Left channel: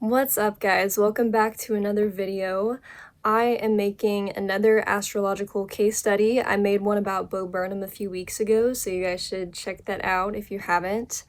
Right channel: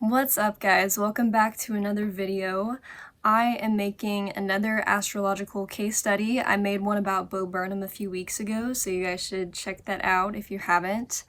What's up, guys? Welcome back to another video. I am making another astrological case study. I made one about Bo Burnham a few weeks ago, so you guys should check that out if you haven't.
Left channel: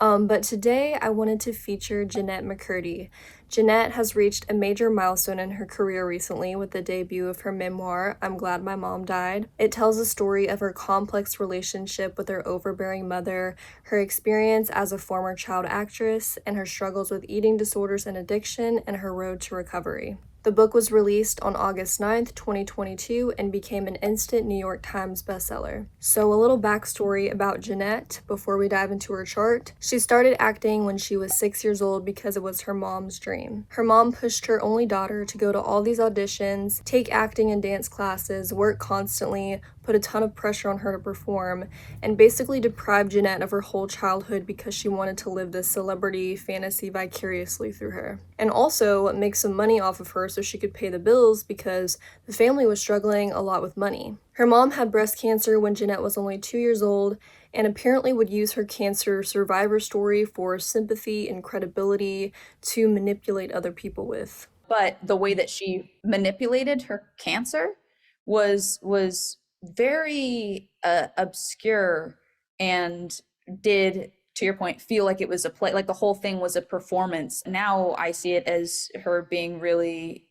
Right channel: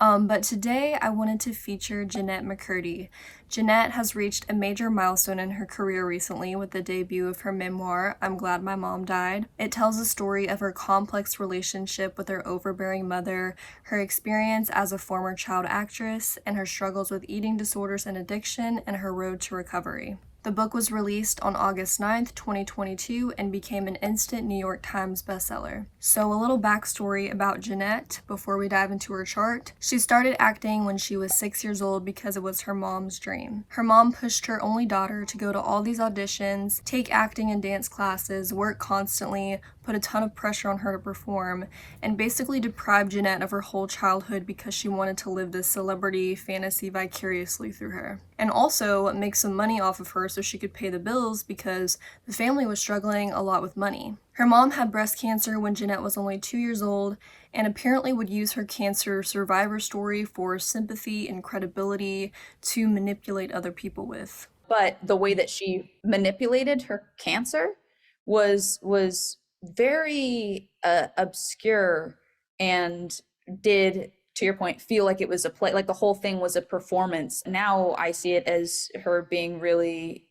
But today I wanted to feature Jennette McCurdy. Jennette has reached a major milestone in her career recently with the debut of her memoir, I'm Glad My Mom Died. It tells the story of her complex relationship with her overbearing mother, her experience as a former child actress, and her struggles with eating disorders and addiction, and her road to recovery. The book was released on August 9th, 2022, and became an instant New York Times bestseller. So a little backstory about Jennette before we dive into her chart. She started acting when she was 6 years old because it was her mom's dream. Her mom pushed her only daughter to go to all these auditions, take acting and dance classes, work constantly, put a ton of pressure on her to perform, and basically deprived Jennette of her whole childhood because she wanted to live this celebrity fantasy vicariously through her. And also make some money off of her so she could pay the bills because the family was struggling a lot with money. Her mom had breast cancer when Jennette was only 2 years old, and apparently would use her cancer survivor story for sympathy and credibility to manipulate other people with. But the way that she manipulated her cancer was very obscure and did, to your point, feel like it was a play, like the whole thing was a performance. Now I see it as her being really,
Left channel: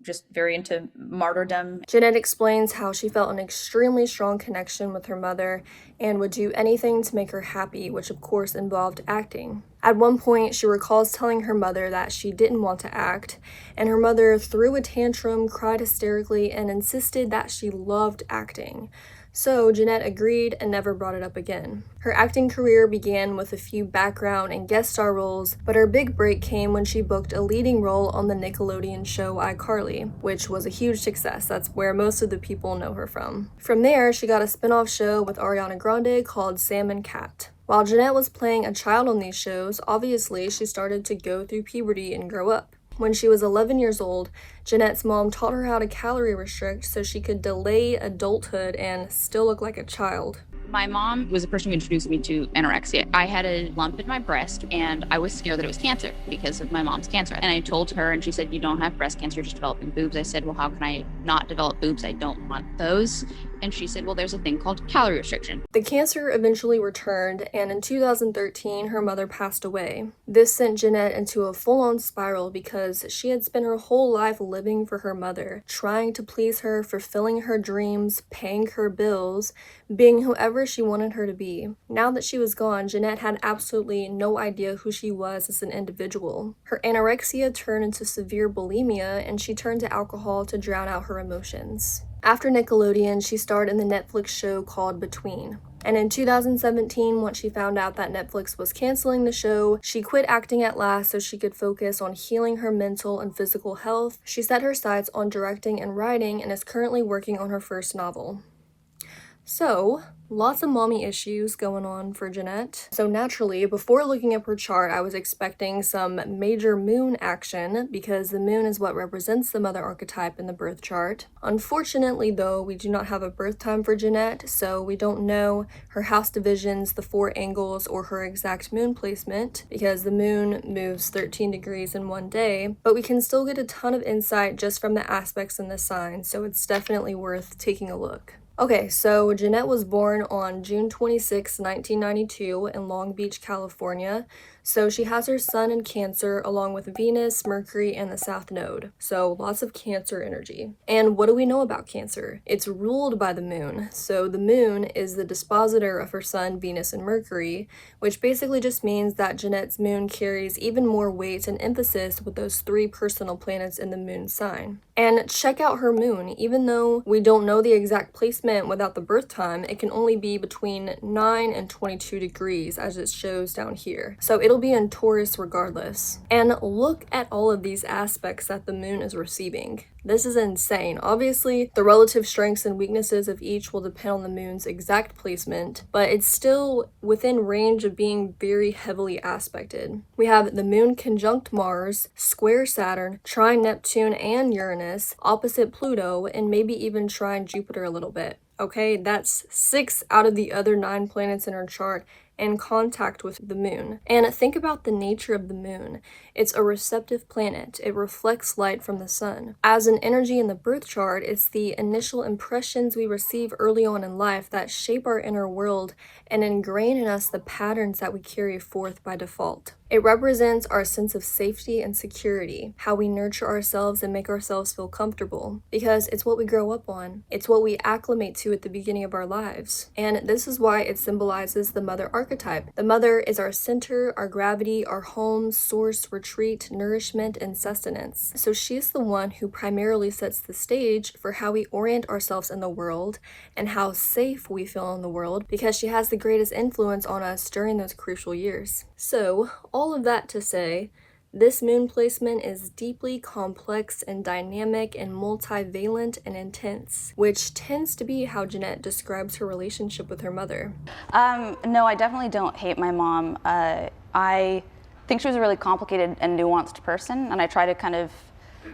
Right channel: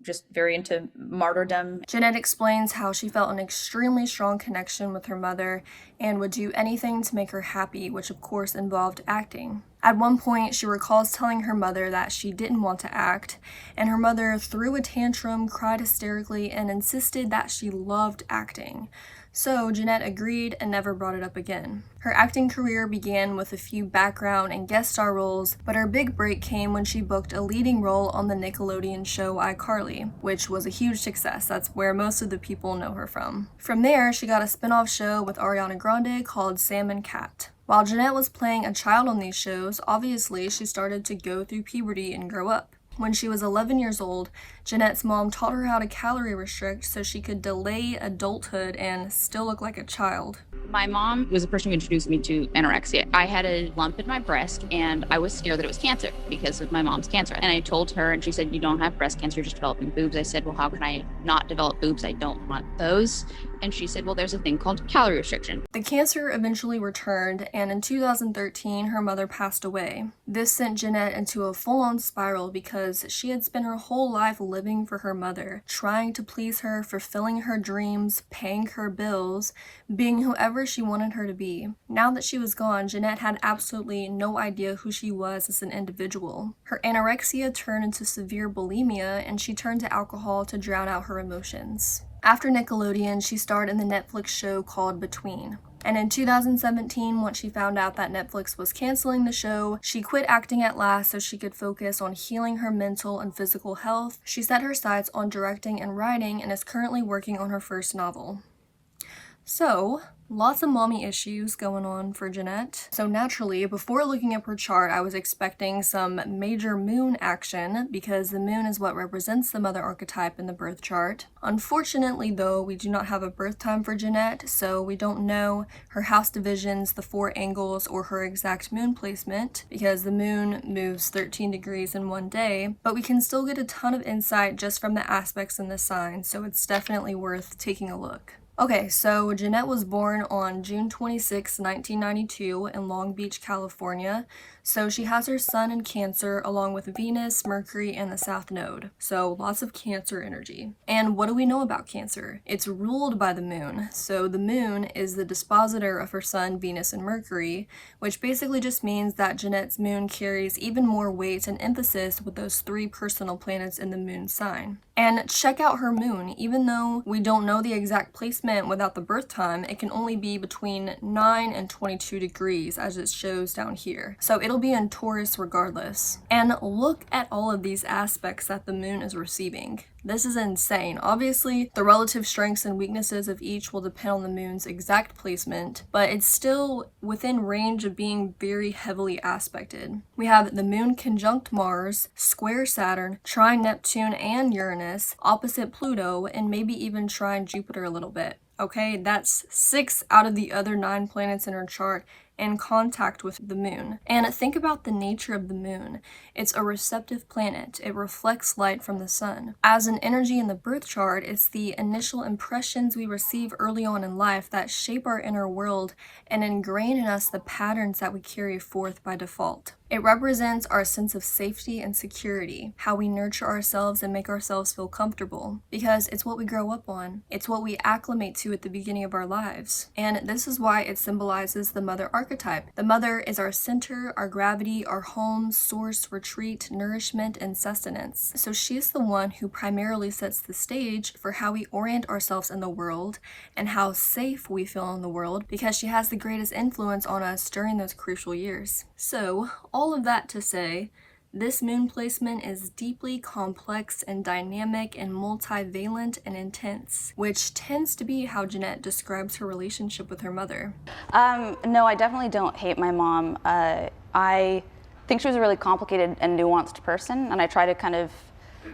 just very into martyrdom. Jennette explains how she felt an extremely strong connection with her mother and would do anything to make her happy, which of course involved acting. At one point, she recalls telling her mother that she didn't want to act, and her mother threw a tantrum, cried hysterically, and insisted that she loved acting. So Jennette agreed and never brought it up again. Her acting career began with a few background and guest star roles, but her big break came when she booked a leading role on the Nickelodeon show iCarly, which was a huge success. That's where most of the people know her from. From there, she got a spin-off show with Ariana Grande called Sam and Cat. While Jennette was playing a child on these shows, obviously she started to go through puberty and grow up. When she was 11 years old, Jennette's mom taught her how to calorie restrict so she could delay adulthood and still look like a child. My mom was the person who introduced me to anorexia. I had a lump in my breast and I was scared that it was cancer because of my mom's cancer. And I told her and she said, "You don't have breast cancer, you're just developing boobs." I said, "Well, how can I not develop boobs? I don't want those." And she said, "Well, there's a thing called calorie restriction." The cancer eventually returned, and in 2013, her mother passed away. This sent Jennette into a full-on spiral because she had spent her whole life living for her mother, trying to please her, fulfilling her dreams, paying her bills, being whoever she wanted her to be. Now that she was gone, Jennette had absolutely no idea who she was as an individual. Her anorexia turned into severe bulimia, and she turned to alcohol to drown out her emotions. After Nickelodeon, she starred in the Netflix show called Between. And in 2017, once she found out that Netflix was canceling the show, she quit acting at last so she could focus on healing her mental and physical health. She set her sights on directing and writing and is currently working on her first novel. So, lots of mommy issues going on for Jennette. So naturally, before looking up her chart, I was expecting some major moon action because the moon is what represents the mother archetype in the birth chart. Unfortunately, though, we do not have a birth time for Jennette, so we don't know her house divisions, the 4 angles, or her exact moon placement because the moon moves 13 degrees in one day, but we can still get a ton of insight just from the aspects in the sign, so it's definitely worth taking a look. Okay, so Jennette was born on June 26, 1992 in Long Beach, California. So she has her sun in Cancer along with Venus, Mercury, and the South Node. So lots of Cancer energy. And what do we know about Cancer? It's ruled by the moon. So the moon is the dispositor of her sun, Venus, and Mercury, which basically just means that Jennette's moon carries even more weight and emphasis with those 3 personal planets in the moon sign. And check out her moon. Even though we don't know the exact placement without the birth time, it can only be between 9 and 22 degrees as it shows down here. So it'll be in Taurus regardless. And look at all of these aspects that the moon is receiving. This is insane. Obviously, the relative strengths and weaknesses of each will depend on the moon's exact placement, but it's still within range of being very heavily aspected. We have the moon conjunct Mars, square Saturn, trine Neptune and Uranus, opposite Pluto, and maybe even trine Jupiter a little bit. Okay, that's 6 out of the other 9 planets in her chart and contact with the moon. And think about the nature of the moon. It's a receptive planet. It reflects light from the sun. As an energy in the birth chart, it's the initial impressions we receive early on in life that shape our inner world and ingrain in us the patterns that we carry forth by default. It represents our sense of safety and security, how we nurture ourselves and make ourselves feel comfortable, because it's what we grow up on. It's what we acclimate to at the beginning of our lives. And this is why it symbolizes the mother archetype. The mother is our center, our gravity, our home, source, retreat, nourishment, and sustenance. So she's the one who primarily sets the stage for how we orient ourselves in the world and how safe we feel in the world, because she has the greatest influence on us during those crucial years. So, all of that to say, this moon placement is deeply complex and dynamic and multivalent and intense, which tends to be how Jennette describes her relationship with her mother. No, I definitely don't hate my mom. I think she was a really complicated and nuanced person, and I try to kind of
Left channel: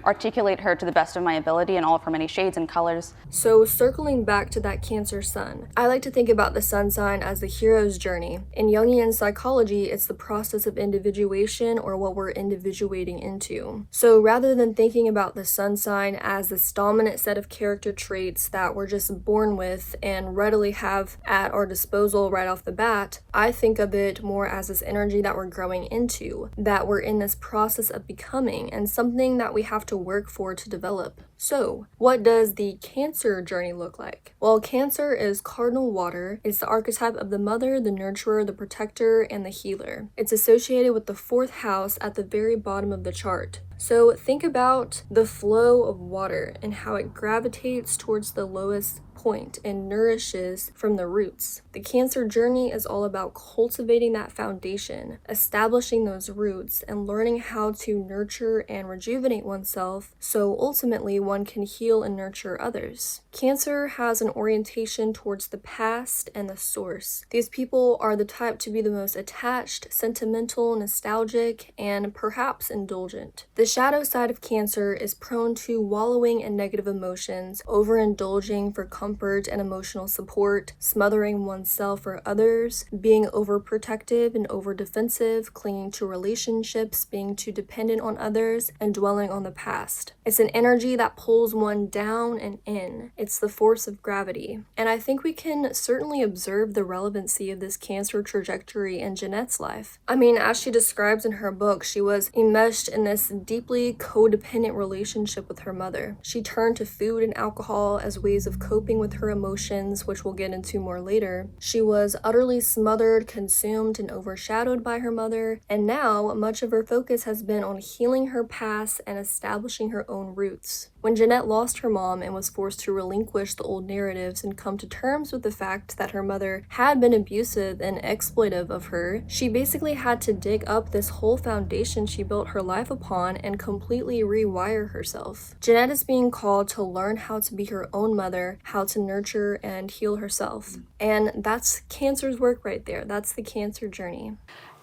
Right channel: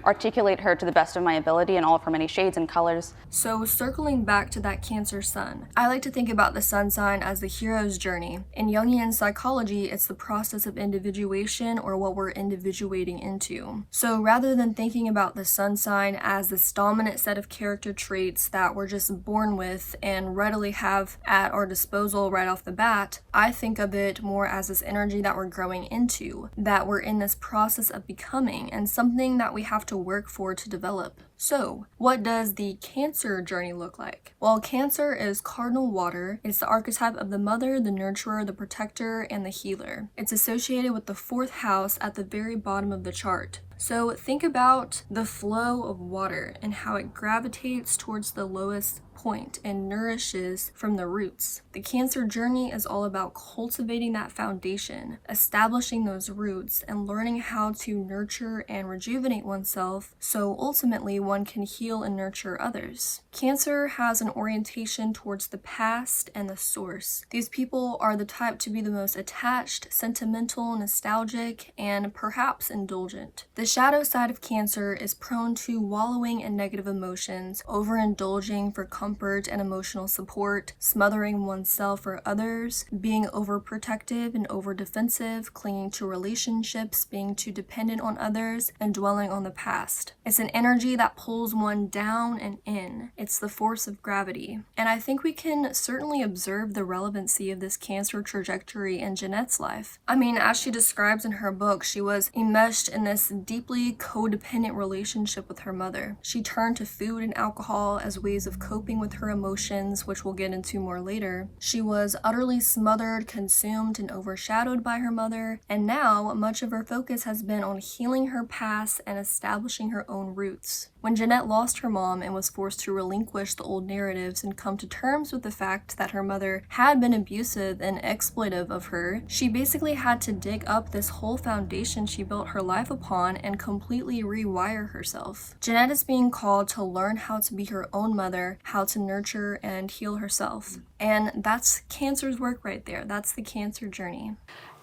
articulate her to the best of my ability in all of her many shades and colors. So circling back to that Cancer sun, I like to think about the sun sign as the hero's journey. In Jungian psychology, it's the process of individuation, or what we're individuating into. So rather than thinking about the sun sign as this dominant set of character traits that we're just born with and readily have at our disposal right off the bat, I think of it more as this energy that we're growing into, that we're in this process of becoming, and something that we have to work for to develop. So, what does the Cancer journey look like? Well, Cancer is cardinal water. It's the archetype of the mother, the nurturer, the protector, and the healer. It's associated with the 4th house at the very bottom of the chart. So think about the flow of water and how it gravitates towards the lowest point and nourishes from the roots. The Cancer journey is all about cultivating that foundation, establishing those roots, and learning how to nurture and rejuvenate oneself so ultimately one can heal and nurture others. Cancer has an orientation towards the past and the source. These people are the type to be the most attached, sentimental, nostalgic, and perhaps indulgent. The shadow side of Cancer is prone to wallowing in negative emotions, overindulging for comfort and emotional support, smothering oneself or others, being overprotective and overdefensive, clinging to relationships, being too dependent on others, and dwelling on the past. It's an energy that pulls one down and in. It's the force of gravity. And I think we can certainly observe the relevancy of this Cancer trajectory in Jennette's life. I mean, as she describes in her book, she was enmeshed in this deeply codependent relationship with her mother. She turned to food and alcohol as ways of coping with her emotions, which we'll get into more later. She was utterly smothered, consumed, and overshadowed by her mother, and now much of her focus has been on healing her past and establishing her own roots. When Jennette lost her mom and was forced to relinquish the old narratives and come to terms with the fact that her mother had been abusive and exploitive of her, she basically had to dig up this whole foundation she built her life upon and completely rewire herself. Jennette is being called to learn how to be her own mother, how to nurture and heal herself. And that's Cancer's work right there. That's the Cancer journey.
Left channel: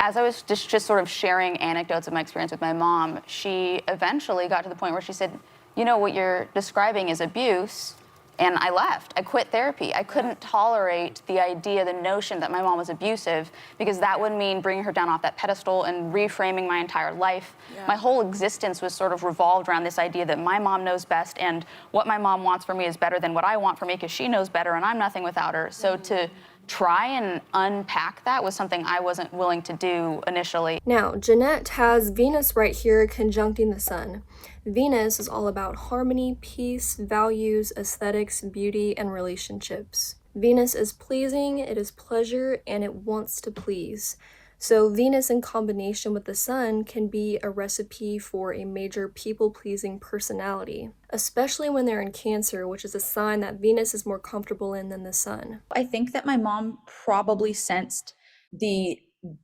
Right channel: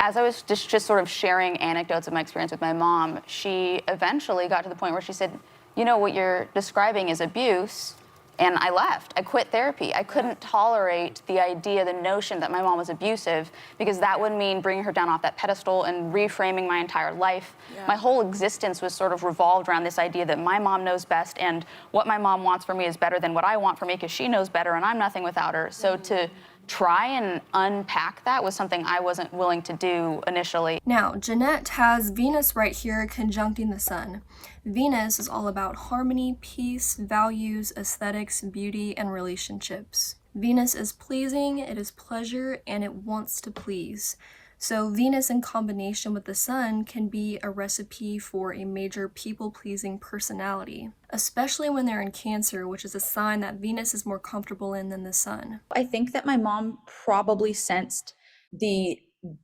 As I was just sort of sharing anecdotes of my experience with my mom, she eventually got to the point where she said, you know, what you're describing is abuse. And I left. I quit therapy. I couldn't tolerate the idea, the notion that my mom was abusive, because that would mean bringing her down off that pedestal and reframing my entire life. Yeah. My whole existence was sort of revolved around this idea that my mom knows best, and what my mom wants for me is better than what I want for me, because she knows better and I'm nothing without her. So to try and unpack that was something I wasn't willing to do initially. Now, Jennette has Venus right here conjuncting the sun. Venus is all about harmony, peace, values, aesthetics, beauty, and relationships. Venus is pleasing, it is pleasure, and it wants to please. So Venus in combination with the sun can be a recipe for a major people-pleasing personality, especially when they're in Cancer, which is a sign that Venus is more comfortable in than the sun. I think that my mom probably sensed the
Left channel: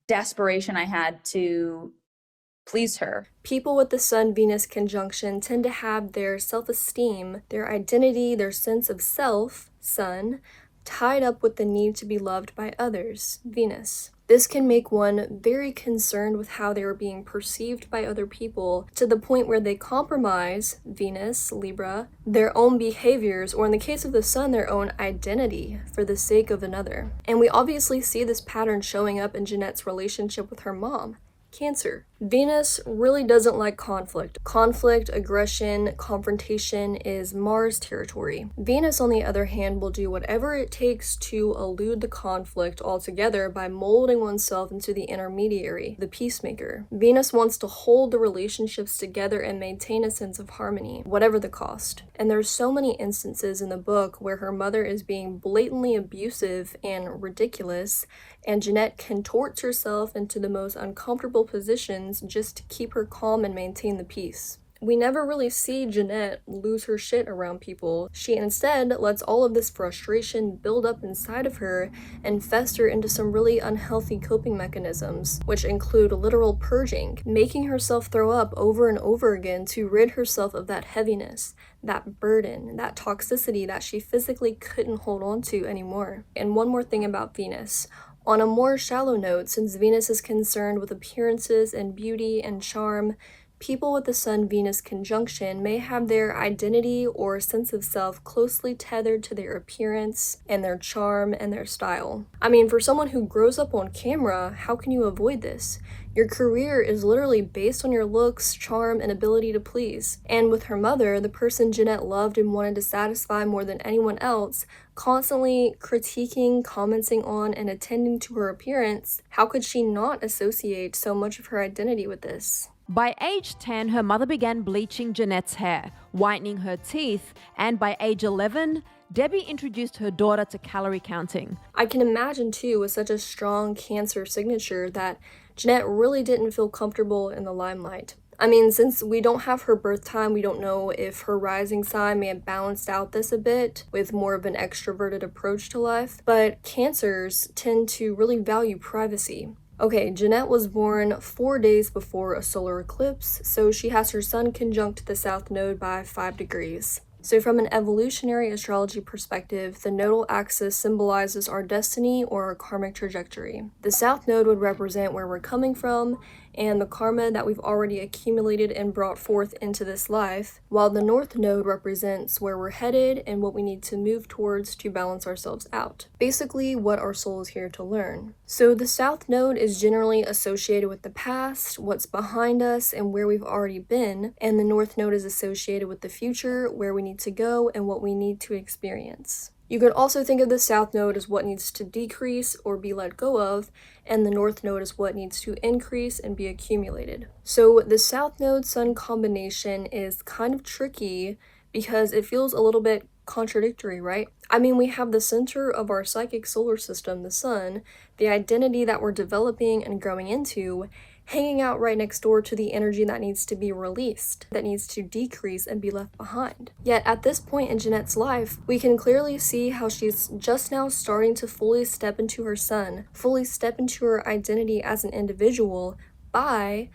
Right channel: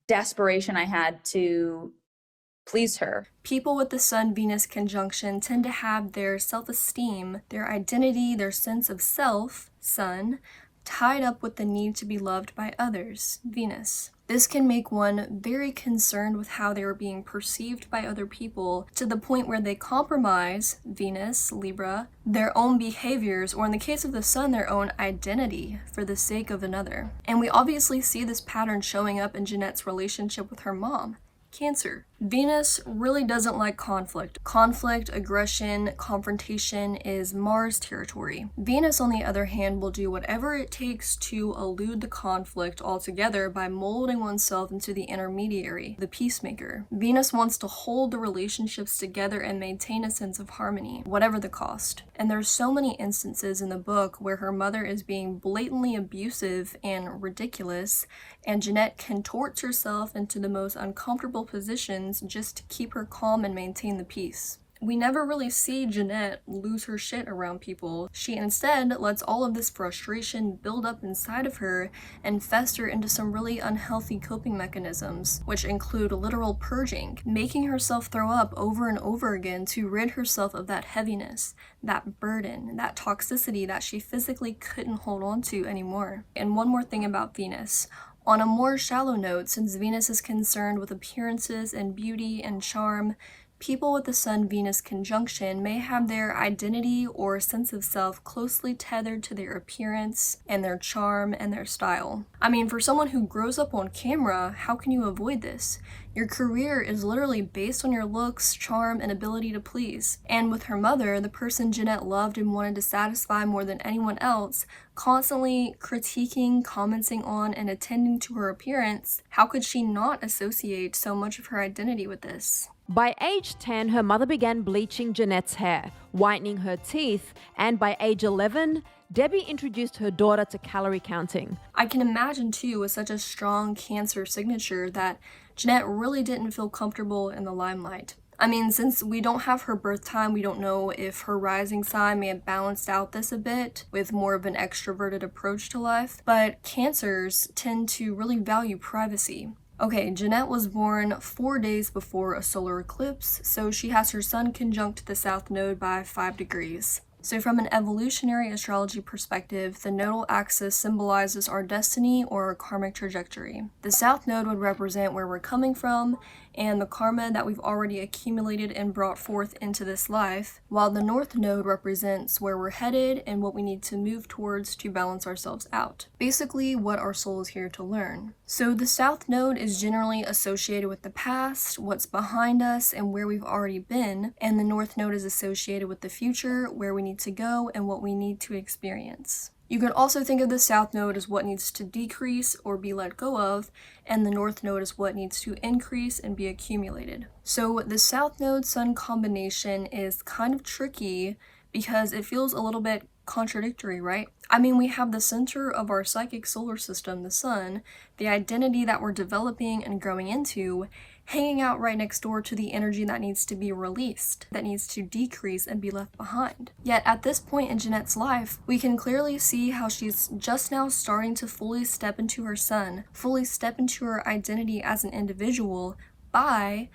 desperation I had to please her. People with the Sun-Venus conjunction tend to have their self-esteem, their identity, their sense of self, Sun, tied up with the need to be loved by others, Venus. This can make one very concerned with how they are being perceived by other people, to the point where they compromise Venus, Libra, their own behaviors, or in the case of the sun, their own identity for the sake of another. And we obviously see this pattern showing up in Jennette's relationship with her mom, Cancer. Venus really doesn't like conflict. Conflict, aggression, confrontation is Mars territory. Venus, on the other hand, will do whatever it takes to elude the conflict altogether by molding oneself into the intermediary, the peacemaker. Venus wants to hold the relationships together and maintain a sense of harmony, whatever the cost. And there's so many instances in the book where her mother is being blatantly abusive and ridiculous, and Jennette contorts herself into the most uncomfortable positions just to keep her calm and maintain the peace. We never really see Jennette lose her shit around people. She instead lets all of this frustration build up inside of her and fester into some really unhealthy coping mechanisms, which include literal purging, making herself throw up over and over again to rid herself of that heaviness, that burden, that toxicity that she physically couldn't hold on to anymore. And one more thing about Venus. On a more shallow note, since Venus is concerned with appearances and beauty and charm, people with the Sun-Venus conjunction may have their identity or sense of self closely tethered to their appearance and their charm and their style. I mean, for someone who grows up on camera, how can you avoid this? Your career is literally based on your looks, charm, and ability to please. And with her mother, the person Jennette loved and wanted to satisfy more than anyone else, constantly critiquing, commenting on, and attending to her appearance, how could she not associate so much of her identity with this? By age 10, her mother began bleaching Jennette's hair, whitening her teeth, and by age 11, Debbie introduced her daughter to calorie counting. I can imagine too, with such a strong Cancer signature, that Jennette really didn't feel comfortable in the limelight. I mean, since we don't have her birth time, we don't know if her rising sign may have balanced out this a bit with more of an extroverted approach to life, but Cancers tend to really value privacy. Okay, Jennette was born 4 days before a solar eclipse, so she has her sun conjunct the south node by 5 degrees. So from an evolutionary astrology perspective, the nodal axis symbolizes our destiny or our karmic trajectory. The south node would represent where we're coming from and the karma that we've already accumulated and brought forth into this life, while the north node represents where we're headed and what we need to move towards to balance ourselves out. Basically, what our soul is here to learn. So the south node is generally associated with the past, what's behind us, and where we've already been, and the north node is associated with the future, where we need to go and what we need to experience. You could also think of the south node as what needs to decrease or be let go of, and the north node is what needs to increase and be accumulated. So the south node sun combination is kind of tricky because it feels a little bit contradictory, right? I mean, we have the center of our psychic solar system, the sun, the identity that we're developing and growing into, hanging out right next door to the energy that needs to be released, that needs to decrease and be left behind. Yet at this point in Jennette's life, we can clearly see how she's just now starting to fully step into her sun, fully step into her identity as an individual by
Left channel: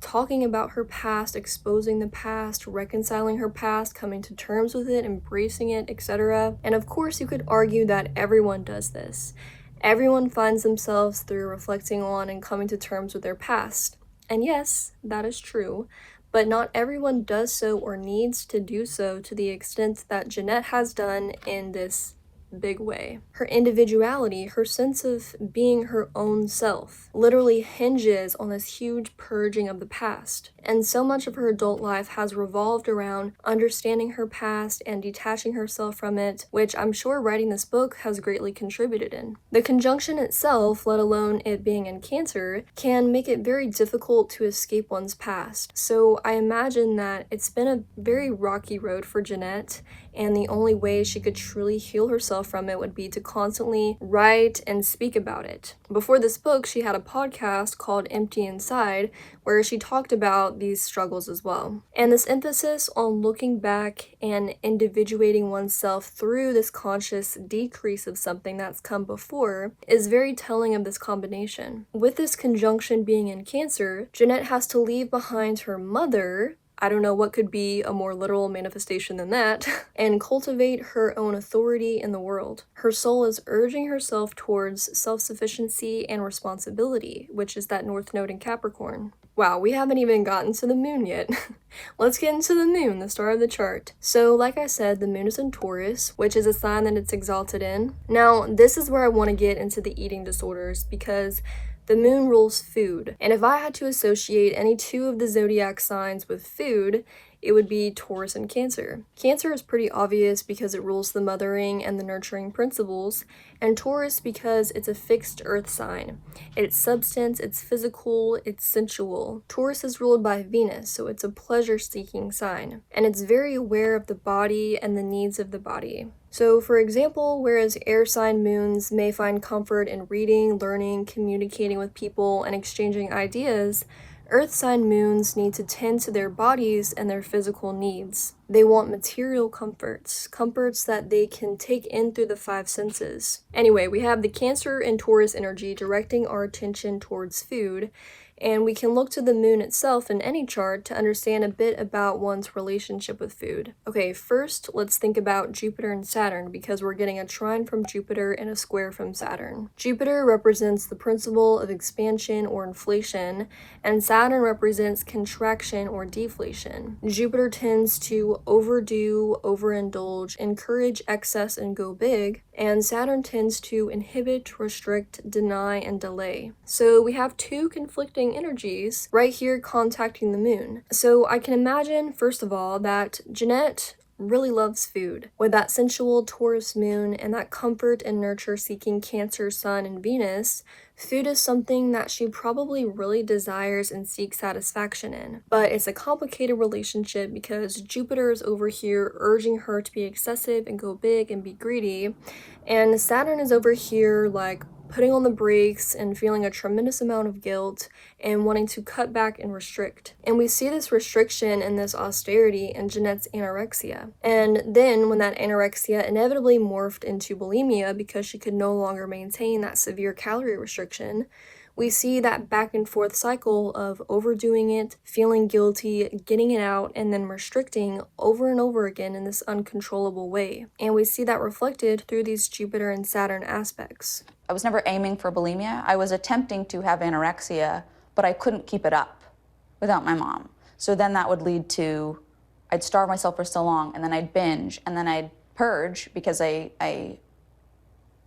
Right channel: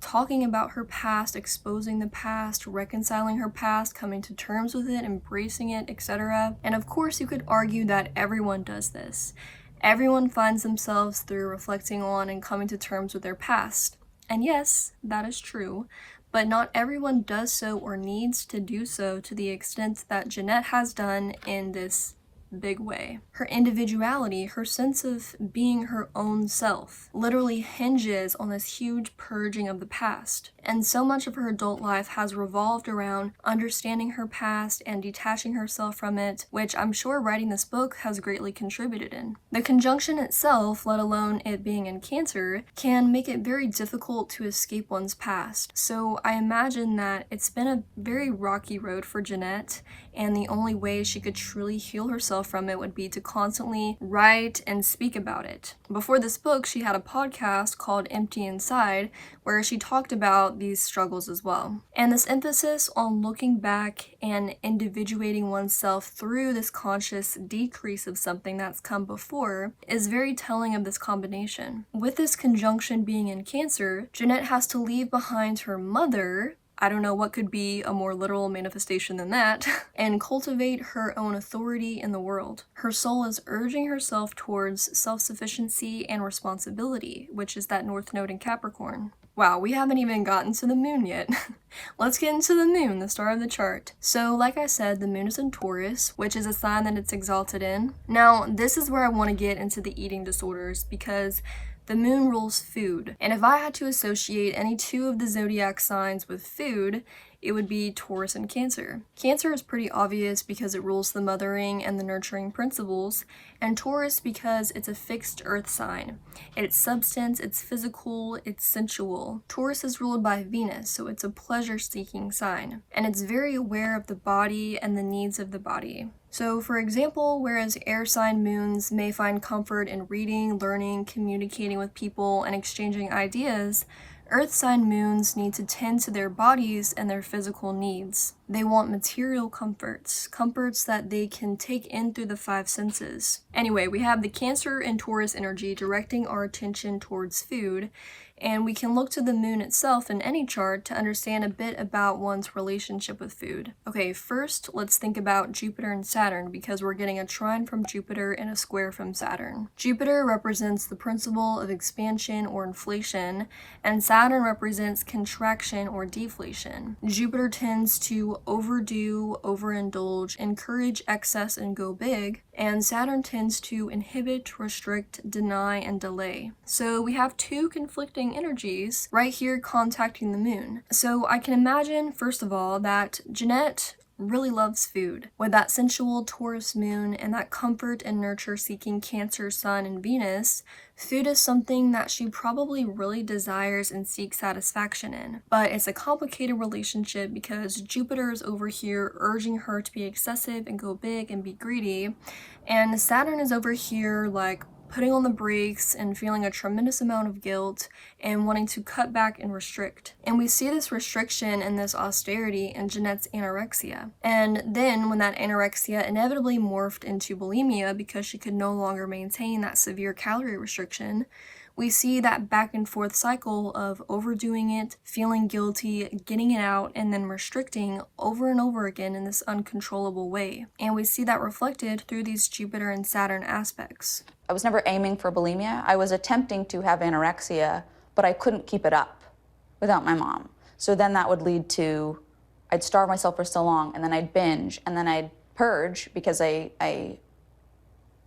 talking about her past, exposing the past, reconciling her past, coming to terms with it, embracing it, etc. And of course, you could argue that everyone does this. Everyone finds themselves through reflecting on and coming to terms with their past. And yes, that is true, but not everyone does so or needs to do so to the extent that Jennette has done in this big way. Her individuality, her sense of being her own self, literally hinges on this huge purging of the past. And so much of her adult life has revolved around understanding her past and detaching herself from it, which I'm sure writing this book has greatly contributed in. The conjunction itself, let alone it being in Cancer, can make it very difficult to escape one's past. So I imagine that it's been a very rocky road for Jennette, and the only way she could truly heal herself from it would be to constantly write and speak about it. Before this book, she had a podcast called Empty Inside, where she talked about these struggles as well. And this emphasis on looking back and individuating oneself through this conscious decrease of something that's come before is very telling of this combination. With this conjunction being in Cancer, Jennette has to leave behind her mother, I don't know what could be a more literal manifestation than that, and cultivate her own authority in the world. Her soul is urging herself towards self-sufficiency and responsibility, which is that North Node in Capricorn. Wow, we haven't even gotten to the moon yet. Let's get into the moon, the star of the chart. So, like I said, the moon is in Taurus, which is a sign that it's exalted in. Now, this is where I want to get into the eating disorders, because the moon rules food. And if I had to associate any two of the zodiac signs with food, it would be Taurus and Cancer. Cancer is pretty obvious because it rules the mothering and the nurturing principles, and Taurus because it's a fixed earth sign. It's substance, it's physical, it's sensual. Taurus is ruled by Venus, so it's a pleasure-seeking sign, and it's very aware of the body and the needs of the body. So, for example, whereas air sign moons may find comfort in reading, learning, communicating with people, and exchanging ideas, Earth sign moons need to tend to their bodies and their physical needs. They want material comforts that they can take in through the five senses. Anyway, we have the Cancer and Taurus energy directing our attention towards food, and we can look to the moon itself in any chart to understand a bit about one's relationship with food. Okay, first let's think about Jupiter and Saturn, because we're getting a trine from Jupiter and a square from Saturn. Jupiter represents the principle of expansion or inflation, and Saturn represents contraction or deflation. Jupiter tends to overdo, overindulge, encourage excess and go big, and Saturn tends to inhibit, restrict, deny, and delay. So we have two conflicting energies right here contacting the moon. So I can imagine, first of all, that Jennette really loves food. With that sensual Taurus moon and that comfort and nurture seeking Cancer sun and Venus, food is something that she probably really desires and seeks satisfaction in. But it's a complicated relationship because Jupiter is over here urging her to be excessive and go big and be greedy, and Saturn is over here like putting on the brakes and feeling a tremendous amount of guilt and wanting to cut back and restrict. And we see this restriction and this austerity in Jennette's anorexia. And then when that anorexia inevitably morphed into bulimia because she could no longer maintain that severe calorie restriction, we see that back and forth cycle of overdoing it, feeling guilty, getting it out, and then restricting over and over again in this uncontrollable way. And we see that reflected through these Jupiter and Saturn aspects. I was never aiming for bulimia. I was attempting to have anorexia, but I couldn't keep it up without my mom. So then that would lead to, I'd starve myself for so long, and then I'd binge, and then I'd purge because I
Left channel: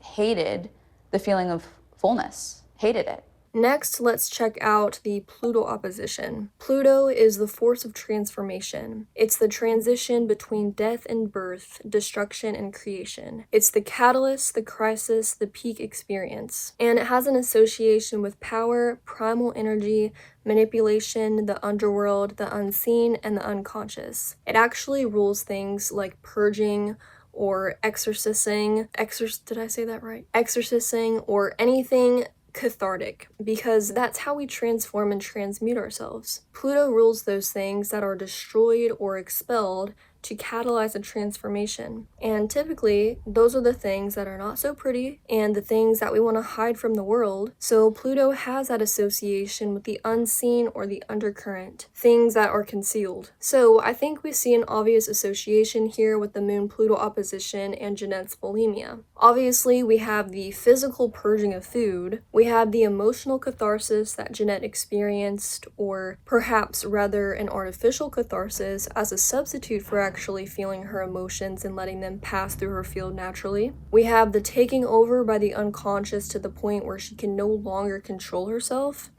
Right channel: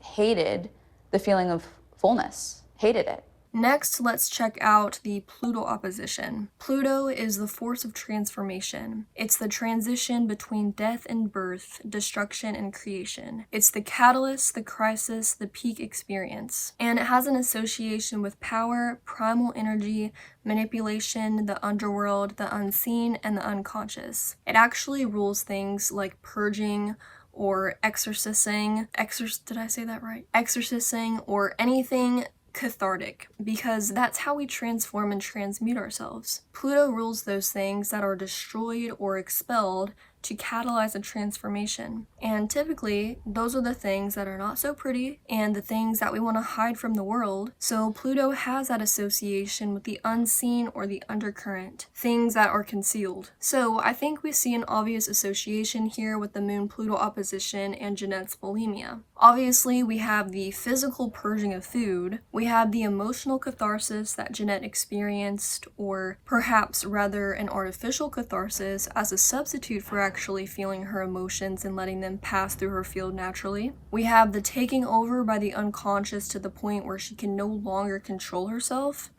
hated the feeling of fullness, hated it. Next, let's check out the Pluto opposition. Pluto is the force of transformation. It's the transition between death and birth, destruction and creation. It's the catalyst, the crisis, the peak experience. And it has an association with power, primal energy, manipulation, the underworld, the unseen, and the unconscious. It actually rules things like purging, or exorcising, did I say that right? Exorcising, or anything cathartic, because that's how we transform and transmute ourselves. Pluto rules those things that are destroyed or expelled to catalyze a transformation. And typically, those are the things that are not so pretty and the things that we want to hide from the world. So Pluto has that association with the unseen or the undercurrent, things that are concealed. So I think we see an obvious association here with the Moon-Pluto opposition and Jennette's bulimia. Obviously, we have the physical purging of food, we have the emotional catharsis that Jennette experienced, or perhaps rather an artificial catharsis as a substitute for actually feeling her emotions and letting them pass through her field naturally. We have the taking over by the unconscious to the point where she can no longer control herself,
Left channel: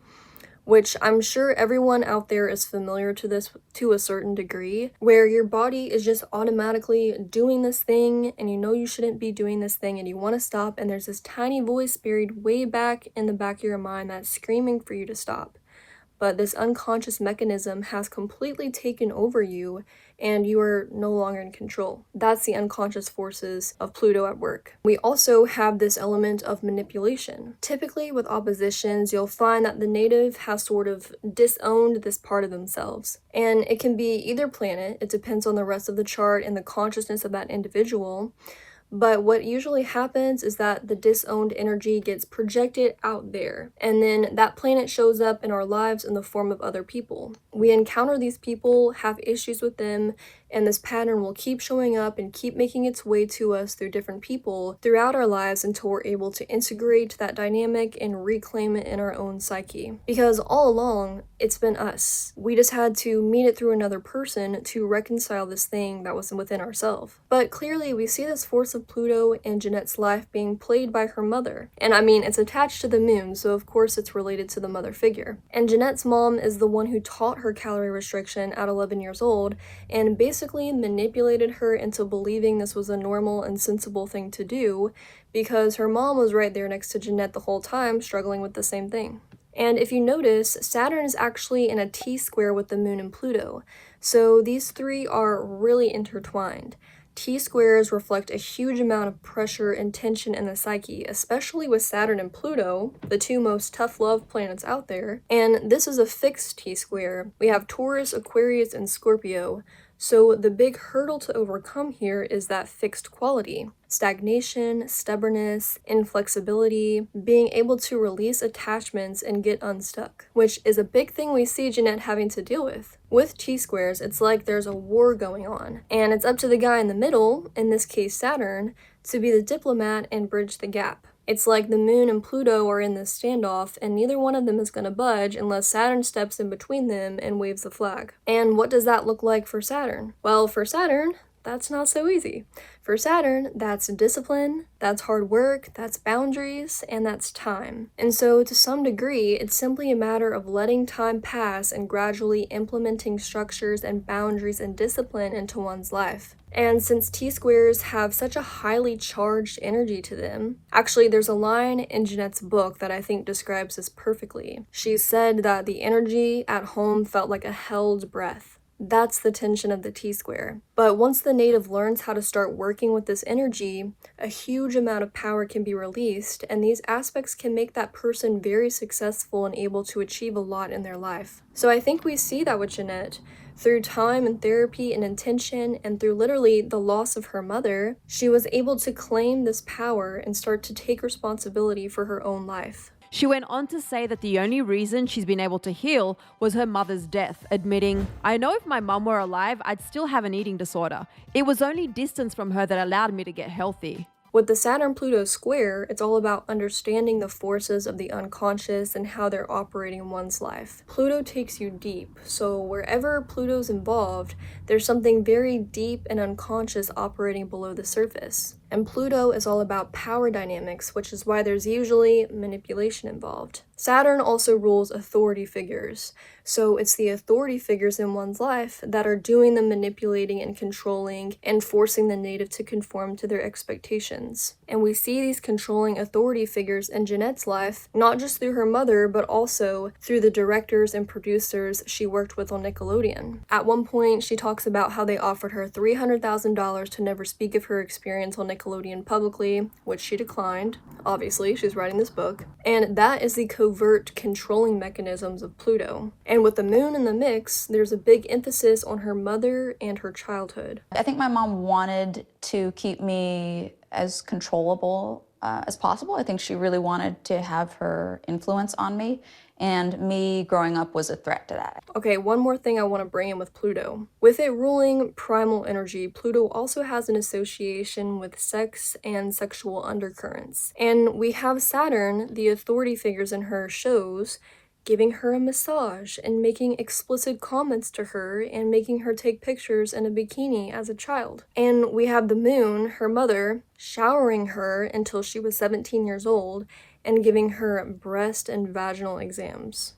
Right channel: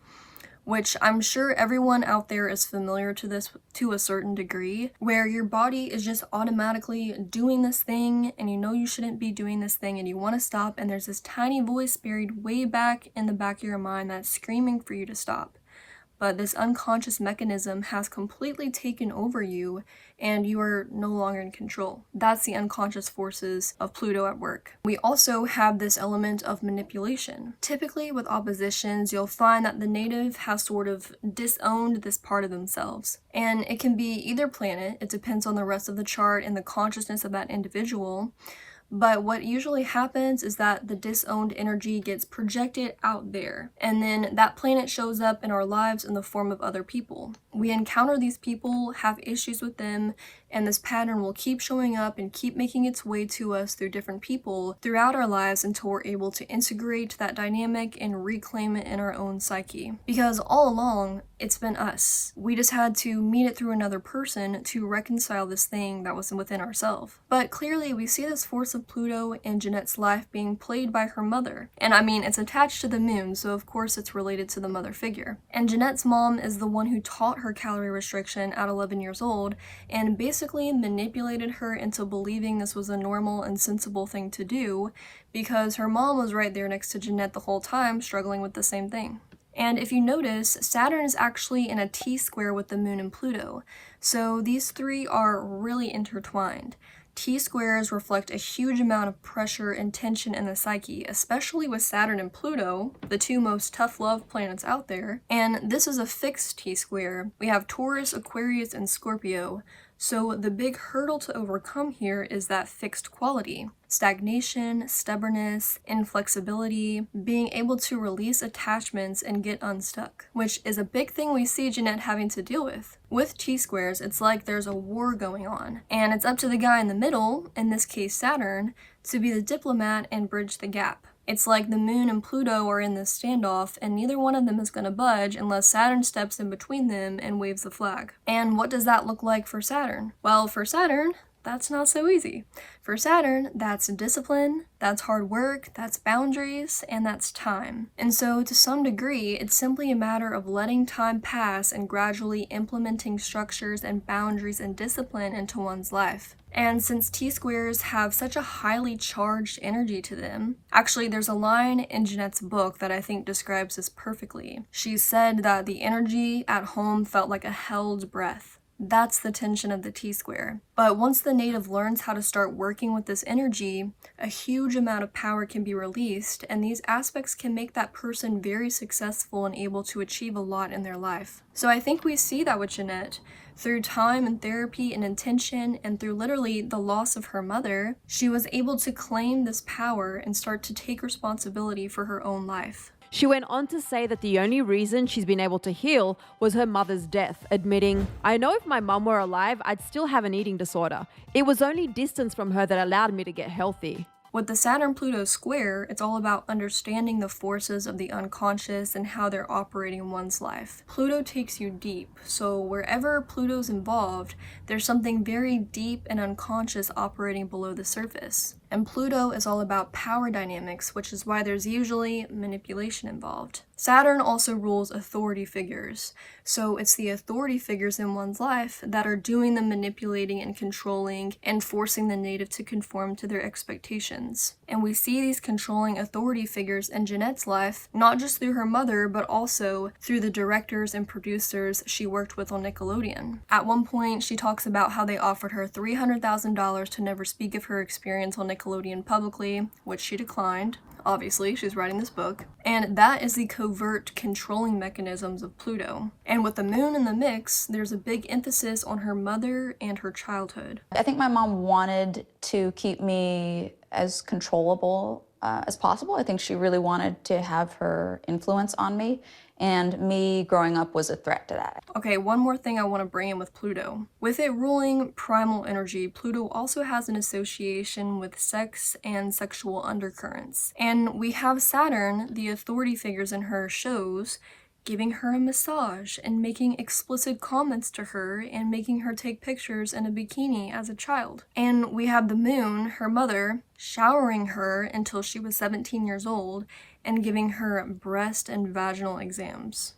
which I'm sure everyone out there is familiar to this to a certain degree, where your body is just automatically doing this thing and you know you shouldn't be doing this thing and you want to stop, and there's this tiny voice buried way back in the back of your mind that's screaming for you to stop. But this unconscious mechanism has completely taken over you and you are no longer in control. That's the unconscious forces of Pluto at work. We also have this element of manipulation. Typically with oppositions, you'll find that the native has sort of disowned this part of themselves. And it can be either planet, it depends on the rest of the chart and the consciousness of that individual. But what usually happens is that the disowned energy gets projected out there, and then that planet shows up in our lives in the form of other people. We encounter these people, have issues with them, and this pattern will keep showing up and keep making its way to us through different people throughout our lives until we're able to integrate that dynamic and reclaim it in our own psyche. Because all along, it's been us. We just had to meet it through another person to reconcile this thing that was within ourselves. But clearly, we see this force of Pluto in Jennette's life being played by her mother. And I mean, it's attached to the moon, so of course it's related to the mother figure. And Jennette's mom is the one who taught her calorie restriction at 11 years old, and basically manipulated her into believing this was a normal and sensible thing to do, because her mom was right there next to Jennette the whole time, struggling with the same thing. And if you notice, Saturn is actually in a T-square with the moon and Pluto, so these three are really intertwined. T-squares reflect a huge amount of pressure and tension in the psyche, especially with Saturn and Pluto, the two most tough love planets out there. And this is a fixed T-square. We have Taurus, Aquarius, and Scorpio. So the big hurdle to overcome here is that fixed quality. Stagnation, stubbornness, inflexibility, being able to release attachments and get unstuck, which is a big thing we see Jennette having to deal with. With T-squares, it's like there's a war going on, and it's up to the guy in the middle, in this case Saturn, to be the diplomat and bridge the gap. It's like the moon and Pluto are in this standoff, and neither one of them is going to budge unless Saturn steps in between them and waves the flag. And what does that look like for Saturn? Well, for Saturn, that's not so easy. For Saturn, that's discipline, that's hard work, that's boundaries, and that's time. And so, to some degree, it's simply a matter of letting time pass and gradually implementing structures and boundaries and discipline into one's life. And since T-squares have such a highly charged energy to them, actually there's a line in Jennette's book that I think describes this perfectly. She said that the energy at home felt like a held breath. That's the tension of the T-square. But once the native learns how to start working with this energy, a huge amount of power can be released, and these aspects can make that person very successful and able to achieve a lot in their life. So I think we see that with Jennette. Through time and therapy and intention, and through literally the loss of her mother, she was able to claim this power and start to take responsibility for her own life. She went on to say that the only reason she's been able to heal was her mother's death, admitting, "I know if my mum were alive, I'd still have an eating disorder. It was only distance from her that allowed me to get healthy." With the Saturn-Pluto square, it's all about understanding the forces of the unconscious and how they're operating in one's life. Pluto takes you deep, so wherever Pluto's involved, there's something very deep and unconscious operating below the surface. And Pluto is all about power dynamics, which is why there's usually manipulation involved. Saturn also rules authority figures, so it's the authority figures in one's life that are doing the manipulating and controlling and forcing the native to conform to their expectations. And we see these controlling authority figures in Jennette's life, not just through her mother, but also through the directors and producers she worked with on Nickelodeon. At one point, she talks about how they offered her $300,000 to never speak of her experience on Nickelodeon publicly, which she declined. Obviously, she's writing this book. And that is the covert controlling mechanisms of Pluto. And with the moon in the mix, there's a big emphasis on her mother and her childhood. I think my mom wanted to keep me as controllable as possible. I think she really wanted to have her influence on me, and me growing up was a threat to that. Okay, one more thing I want to bring in with Pluto. With it ruling primal energy, Pluto also has an association with sex and sexual undercurrents. And we have Saturn, the authority figures in her shows, giving her a massage and making explicit comments to her and making her take pictures in a bikini as a child. And we have the moon, her mother, showering her until she was 17 years old and giving her breast and vaginal exams.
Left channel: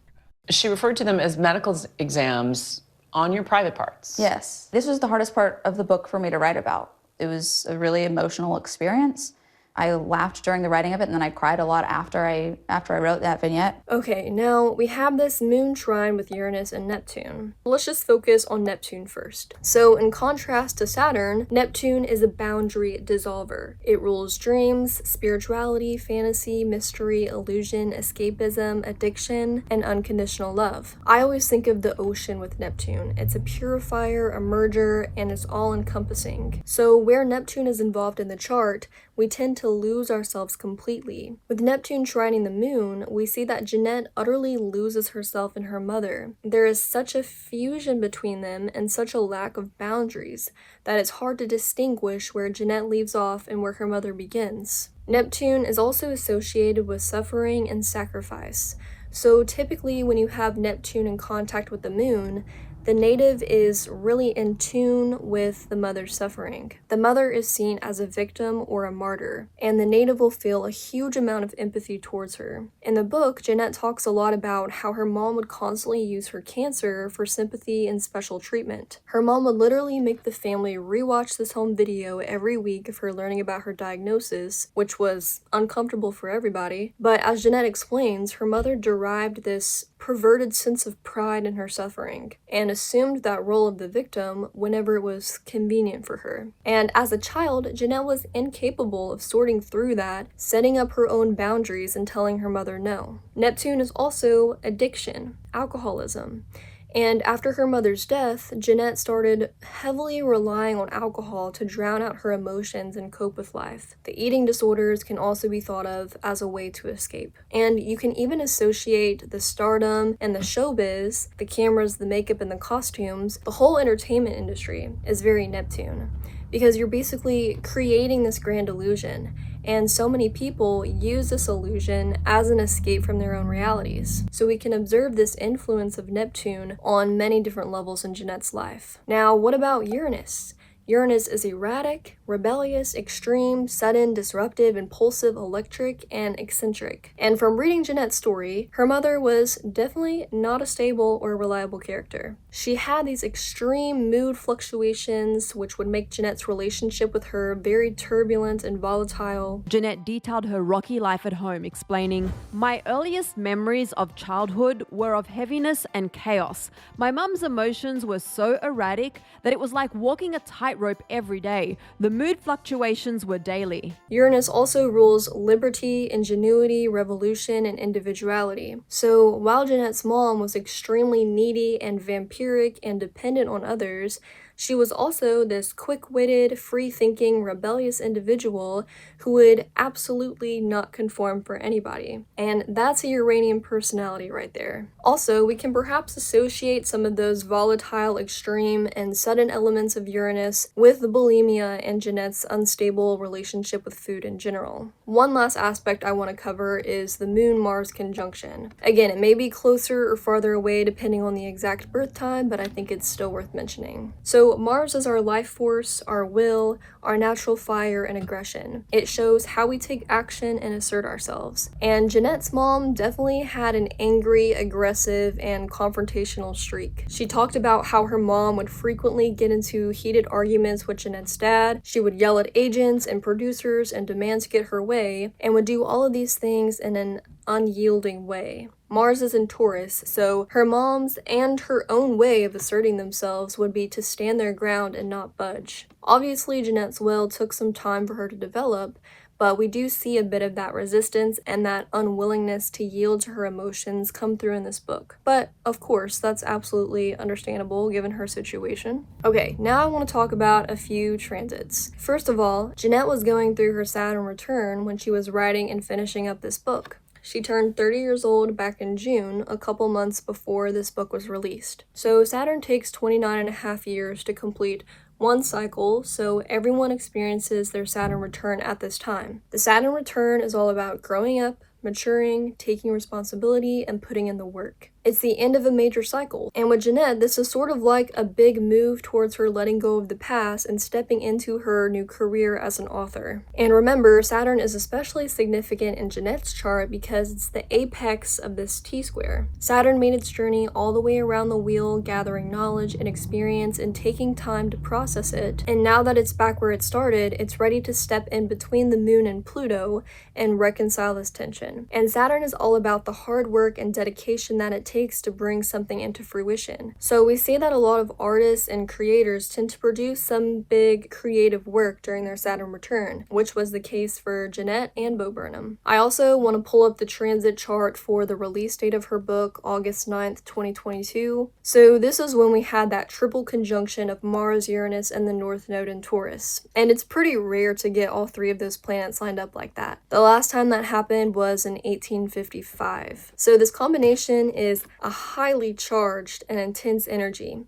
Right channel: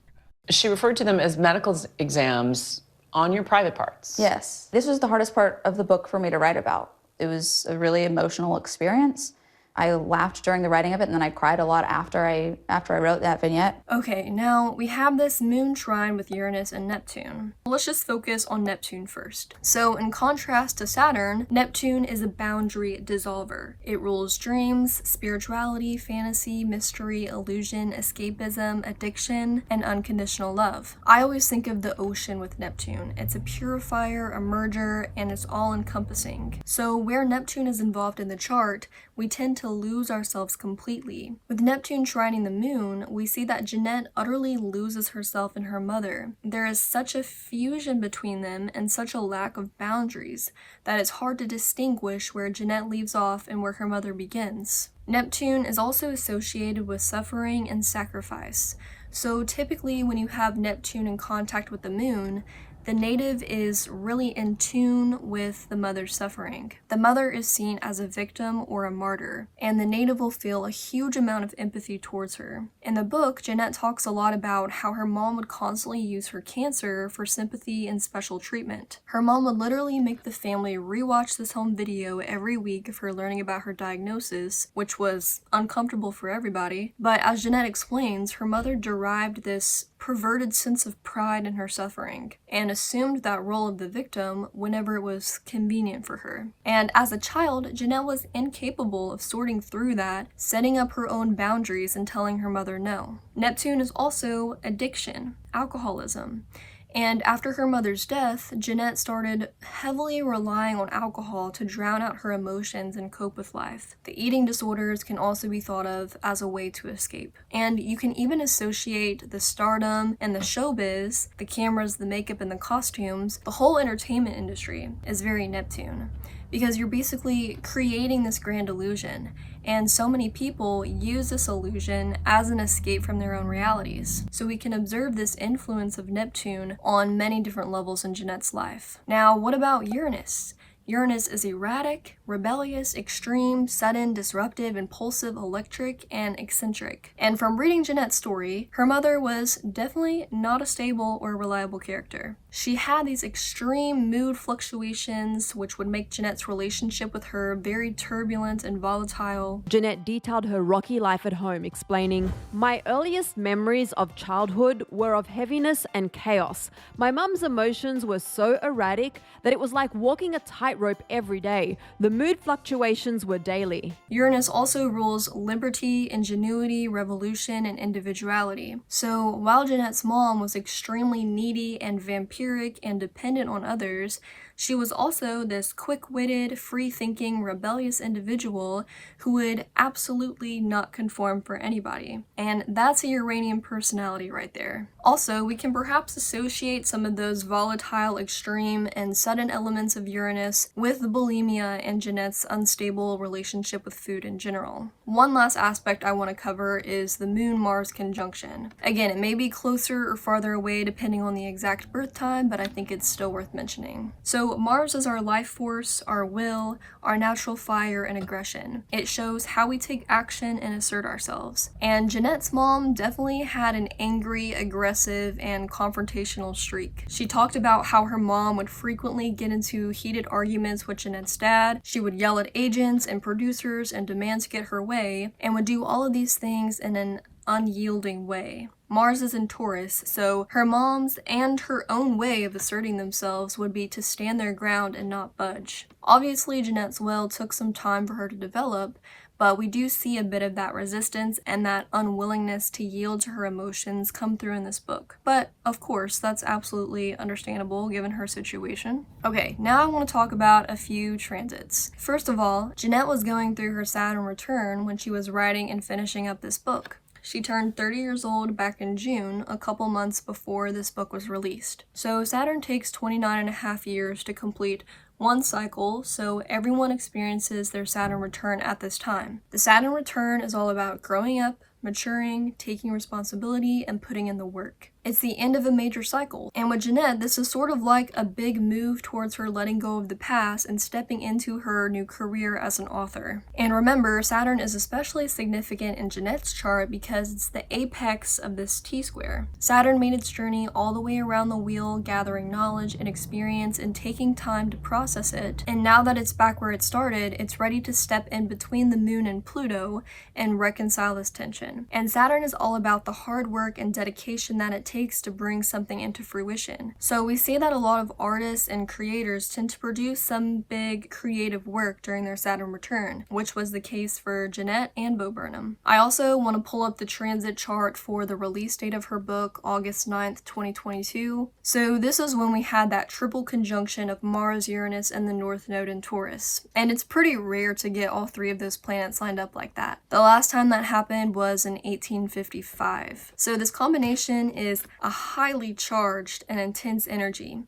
She referred to them as medical exams on your private parts. Yes. This was the hardest part of the book for me to write about. It was a really emotional experience. I laughed during the writing of it, and then I cried a lot after I wrote that vignette. Okay, now we have this moon trine with Uranus and Neptune. Let's just focus on Neptune first. So in contrast to Saturn, Neptune is a boundary dissolver. It rules dreams, spirituality, fantasy, mystery, illusion, escapism, addiction, and unconditional love. I always think of the ocean with Neptune. It's a purifier, a merger, and it's all-encompassing. So where Neptune is involved in the chart, we tend to lose ourselves completely. With Neptune trining the moon, we see that Jennette utterly loses herself in her mother. There is such a fusion between them and such a lack of boundaries that it's hard to distinguish where Jennette leaves off and where her mother begins. Neptune is also associated with suffering and sacrifice. So typically when you have Neptune in contact with the moon, the native is really in tune with the mother's suffering. The mother is seen as a victim or a martyr, and the native will feel a huge amount of empathy towards her. In the book, Jennette talks a lot about how her mom would constantly use her cancer for sympathy and special treatment. Her mom would literally make the family rewatch this home video every week of her learning about her diagnosis, which was uncomfortable for everybody. But as Jennette explains, her mother derived this perverted sense of pride in her suffering and assumed that role of the victim whenever it was convenient for her. And as a child, Jennette was incapable of sorting through that, setting up her own boundaries and telling her mother no. Neptune is also addiction, alcoholism. And after her mother's death, Jennette started heavily relying on alcohol to drown out her emotions and cope with life. The eating disorders can also be thought of as a way to escape. And you can even associate the stardom and the showbiz, the cameras, the makeup, and the costumes. The whole entertainment industry is very Neptune, because you're basically creating this grand illusion. And so many people use this illusion as an escape from their own realities. So we can observe this influence of Neptune on many different levels in Jennette's life. Now, what about Uranus? Uranus is erratic, rebellious, extreme, sudden, disruptive, impulsive, electric, and eccentric. And from reading Jennette's story, her mother was definitely not a stable or reliable character. She had these extreme mood fluctuations, which would make Jennette's relationship with her very turbulent and volatile. Jennette detailed her rocky life at home, explaining, "My earliest memories of childhood were of heaviness and chaos. My mum's emotions were so erratic that it was like walking a tightrope every day. The mood fluctuations were daily." Uranus also rules liberty, ingenuity, revolution, and individuality. So while Jennette's mom was extremely needy and vampiric and dependent on others, she was also this quick-witted, free-thinking, rebellious individual who would absolutely not conform for anybody. And that's a Uranian personality right there. Also, we can perhaps associate some of those volatile, extreme, and sudden elements of Uranus with the bulimia and Jennette's unstable relationship with food in general. One last aspect I want to cover is the Moon-Mars conjunction. Again, it may be closer or farther away depending on the exact birth time, but I think it's still worth mentioning. So Mars is our life force, our will, our natural fire, and aggression. It shows how we take action and assert ourselves. And Jennette's mom definitely had an angry, aggressive, and confrontational streak. She talked about how her mom would frequently get into heated arguments with Jennette's dad. She would yell at agents and producers and demand to get her way, and would do all of these things in an unyielding way. Mars is in Taurus, so her mom's and her own way of asserting themselves would be to stand their ground and not budge. Obviously, Jennette's will took some time for her to develop, but we do see a bit of that resistance and that unwillingness to yield to her emotions come through in this book. But, of course, that's absolutely understandable given her situation. Okay, now I want to talk about a few transits. First of all, Jennette was going through her Saturn Return when she was writing and finishing up this book. She turned 30 years old back in June, a couple months before this book was released. So Saturn takes 29 and a half years to complete one cycle, so everyone experiences their Saturn return at this time. The Saturn return is all about growing up, maturing, taking responsibility, and putting in the work. It's the end of a major cycle. And with Jennette, this is sort of like a big move towards her letting go of the past and stepping into her new career as an author. And remember, Saturn is especially significant in Jennette's chart because it's the apex of this T-square. Saturn made its journey all the way around the wheel, gathering knowledge and experience and taking time to process it. And now that it's back where it started, it's ready to step in between the Moon and Pluto and reconcile this tension. And Saturn is all about the hard work and dedication that it takes to bring something into fruition. So we see that a lot of artists and creators tend to produce some big creative work during their Saturn return, which was the case for Jennette and Bo Burnham. I also want to pull up the transit chart for the release date of her book, August 9th, 2022. So this is when we had that triple conjunction of Mars, Uranus, and the North Node in Taurus. And it's pretty rare to get all three of those planets lined up like that. The last time that happened was in 1855. So this combination is a highly charged and intense energy,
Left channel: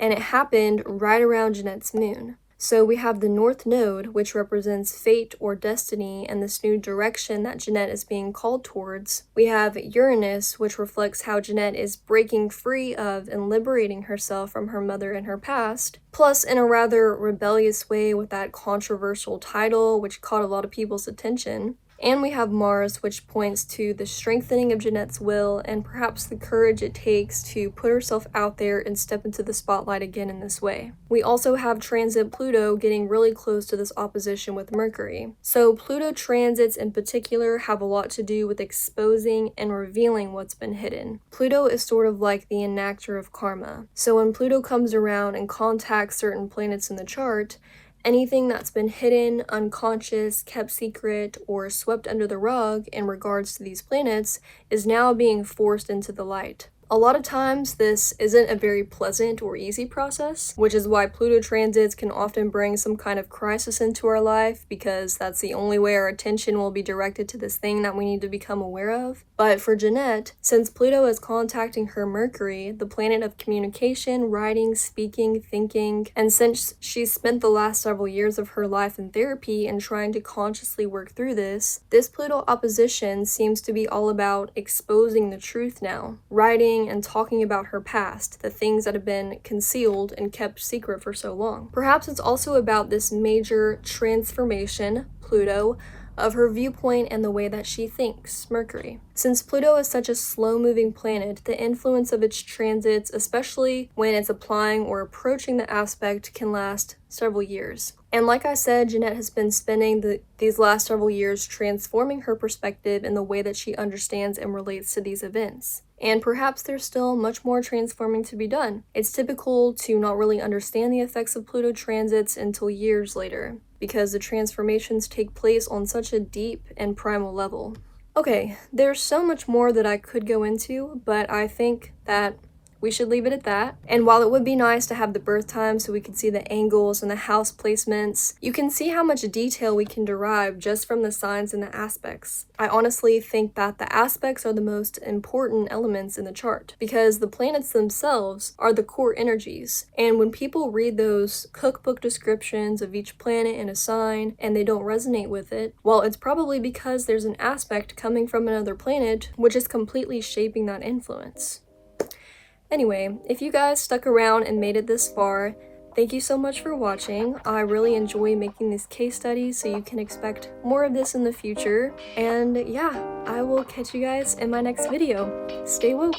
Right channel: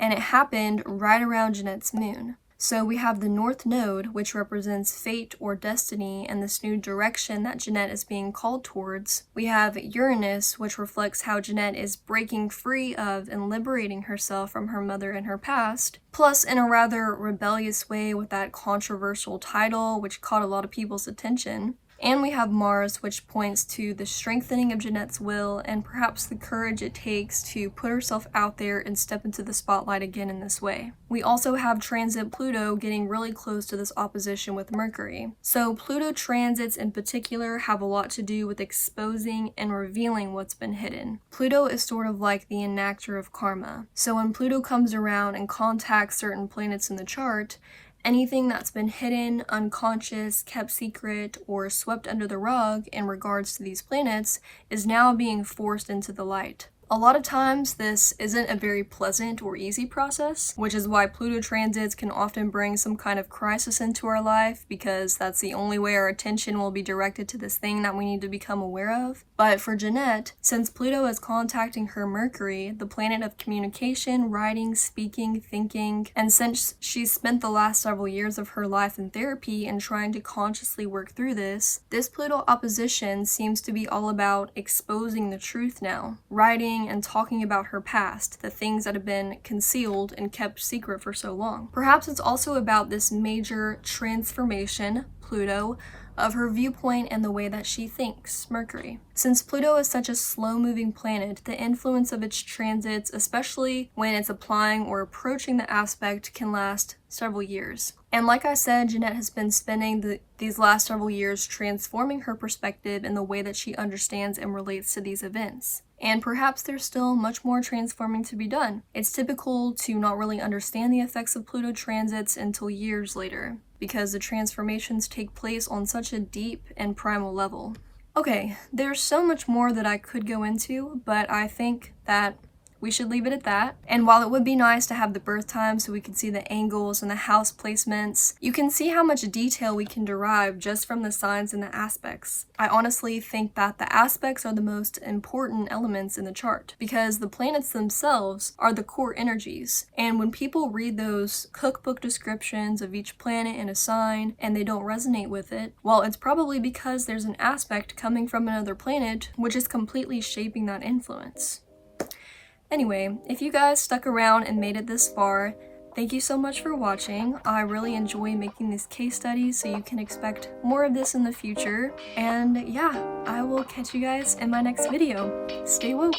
and it happened right around Jennette's moon. So we have the North Node, which represents fate or destiny and this new direction that Jennette is being called towards. We have Uranus, which reflects how Jennette is breaking free of and liberating herself from her mother and her past, plus in a rather rebellious way with that controversial title, which caught a lot of people's attention. And we have Mars, which points to the strengthening of Jennette's will and perhaps the courage it takes to put herself out there and step into the spotlight again in this way. We also have transit Pluto getting really close to this opposition with Mercury. So Pluto transits in particular have a lot to do with exposing and revealing what's been hidden. Pluto is sort of like the enactor of karma. So when Pluto comes around and contacts certain planets in the chart, anything that's been hidden, unconscious, kept secret, or swept under the rug in regards to these planets is now being forced into the light. A lot of times this isn't a very pleasant or easy process, which is why Pluto transits can often bring some kind of crisis into our life, because that's the only way our attention will be directed to this thing that we need to become aware of. But for Jennette, since Pluto is contacting her Mercury, the planet of communication, writing, speaking, thinking, and since she's spent the last several years of her life in therapy and trying to consciously work through this Pluto opposition seems to be all about exposing the truth now, writing and talking about her past, the things that have been concealed and kept secret for so long. Perhaps it's also about this major transformation, Pluto, of her viewpoint and the way that she thinks, Mercury. Since Pluto is such a slow-moving planet, the influence of its transits, especially when it's applying or approaching the aspect, can last several years. And like I said, Jennette has been spending these last several years transforming her perspective in the way that she understands and relates to these events. And perhaps there's still much more transforming to be done. It's typical to not really understand the effects of Pluto transits until years later, because the transformations take place on such a deep and primal level. Okay, there's so much more that I could go into, but I think that we should leave it at that. And while it would be nice to have the birth time so we could see the angles and the house placements, you can see how much detail we can derive just from the signs and the aspects. I honestly think that the aspects are the most important elements in the chart, because the planets themselves are the core energies. And when people read those cookbook descriptions of each planet and a sign and they don't resonate with it, well, it's probably because there's an aspect coming from another planet which is completely shaping that influence. Anyway, if you guys stuck around and made it this far, thank you so much for watching. I really enjoy making these case studies, so you can expect more of this in the future. And yeah, I will catch you guys in my next video. Stay woke!